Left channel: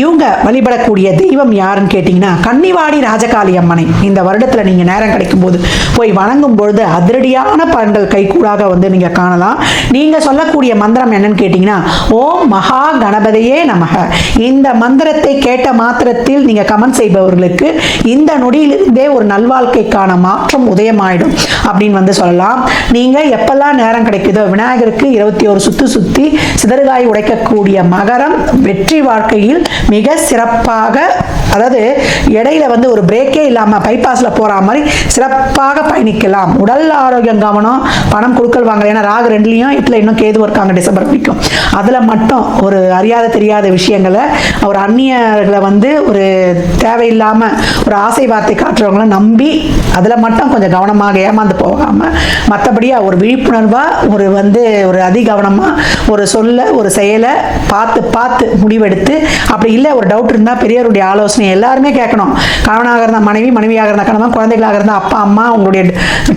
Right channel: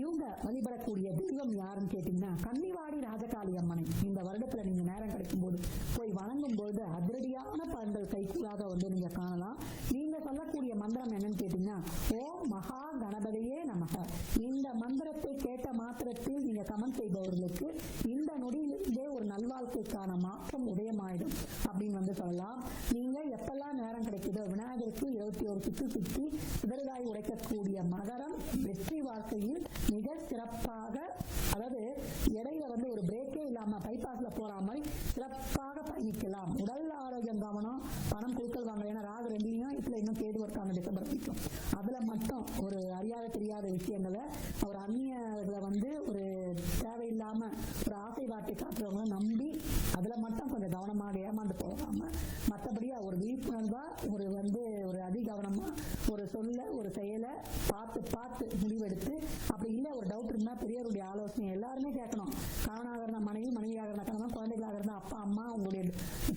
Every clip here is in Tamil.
இவங்க வழிபடக்கூடிய தெய்வம் யாருன்னு கேட்டிங்கன்னா கன்னிவாடி ராஜகாளி அம்மனை இந்த வருடத்தில் நீங்கள் நேரம் கிடைக்கும் போது போய் வணங்கும் பொழுது அதிரடியான பலன்கள் கைகூடாக நீங்கள் காணலாம். நீங்கள் சொல்லக்கூடிய மந்திரம் என்னன்னு கேட்டிங்கன்னா ஓம் மகா கணபதியே நமக. இந்த மந்திரத்தை கேட்ட மாத்திரத்தில் நீங்கள் கமெண்ட் செய்பவர்களுக்கு இந்த நொடியிலிருந்தே ஒரு நல்வாழ்க்கைக்கான மாற்றம் உதயமாயிடும் அப்படின்னு சொல்லலாம். நீங்கள் எப்பெல்லாம் நேரம் கிடைக்குதோ விநாயகருக்கு 21 சுத்து சுத்தி சிதறுகாய் உடைக்கக்கூடிய மகரம் வெற்றி வாழ்க்கையில் மிக சிறப்பாக, அதாவது இடையில ஒரு பிரேக்கே இல்லாம பைபாஸ்ல போற மாதிரி சிறப்பாக பயணிக்கலாம். உடல் ஆரோக்கியம் கவனம், பணம் கொடுக்கல் வாங்கல. ஏன்னா ராகு 2லயும் 8ல இன்னும் கேது இருக்காங்க டிசம்பர் வரைக்கும். அதுல மட்டும் ஒரு அறியாத தெரியாத விஷயங்களை ஒரு அந்நியர்களை ஒரு தேவையில்லாம ஒரு ஆசை வார்த்தை காட்டுறவங்களை நம்பி அதுல மட்டும் கொஞ்சம் கவனமாக ஏமாந்து போகாம மற்றபடி ஒரு விழிப்புணர்வா ஒரு அதிகவனமா ஒரு சொல்ல ஒரு செயலை பார்த்து பார்த்து முடிவெடுத்து, அப்படி இல்லை ஒரு டவுட் இருந்தால் பெரியவருடைய ஆலோசனை எல்லாருமே கேட்கணும். கணவனாக இருந்தால் மனைவி, மனைவியாக இருந்தால் கணவன், குழந்தைகளாக இருந்தால் அப்பா அம்மா, உங்களுடைய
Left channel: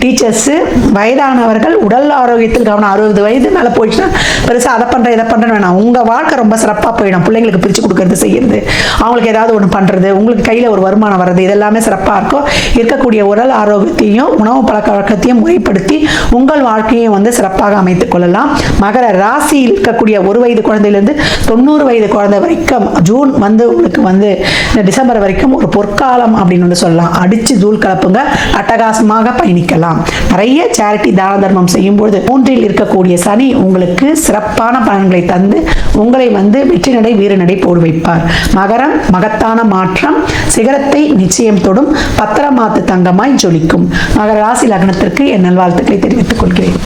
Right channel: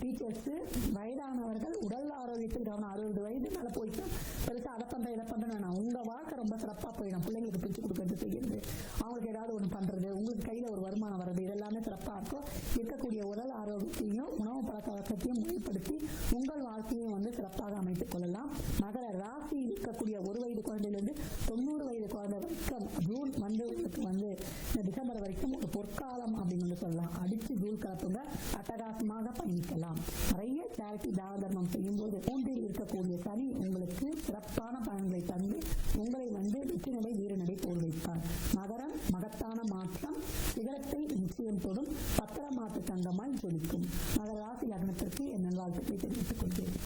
டீச்சர்ஸு, வயதானவர்கள் உடல் ஆரோக்கியத்தில் கவனம். 60 வயது மேலே போயிடுச்சுன்னா பெருசாக அதை பண்ணுறேன் இதை பண்ணுறேன்னு வேணாம். உங்கள் வாழ்க்கை ரொம்ப சிறப்பாக போயிடும். பிள்ளைங்களுக்கு பிரித்து கொடுக்கறது, செய்யறது, அவங்களுக்கு ஏதாவது ஒன்று பண்ணுறது, உங்களுக்கு கையில் ஒரு வருமானம் வர்றது, இதெல்லாமே சிறப்பாக இருக்கும். இருக்கக்கூடிய உடல் ஆரோக்கியத்தையும் உணவு பழக்க வழக்கத்தையும் முறைப்படுத்தி உங்கள் வாழ்க்கையும் சிறப்பாக அமைத்துக் கொள்ளலாம். மகர ராசியில் இருக்கக்கூடிய 1 வயது குழந்தையிலிருந்து 90 வயது குழந்தை வரைக்கும் ஜூன் உங்களுக்கு டிசம்பர் வரைக்கும் ஒரு பொற்காலம் அப்படின்னு சொல்லலாம். அடிச்சு தூள் கலப்புங்க, அட்டகாசமாக பயணிக்கலாம். நிறைய சேரிட்டி தான தர்மம் செய்யும்போது 3இல் இருக்கக்கூடிய சனி உங்களுக்கு சிறப்பான பலன்களை தந்து உங்களை வெற்றி நடை வீர நடை போடு வைப்பார். மகரம் மகத்தான மாற்றம், சிகரத்தை நிச்சயம் தொடும், பத்திரமாத்து தங்கமாய் ஜொலிக்கும். மகர ராசி லக்னத்திற்கு என் நல்வாழ்த்துக்களை தெரிவித்துக் கொள்கிறேன்.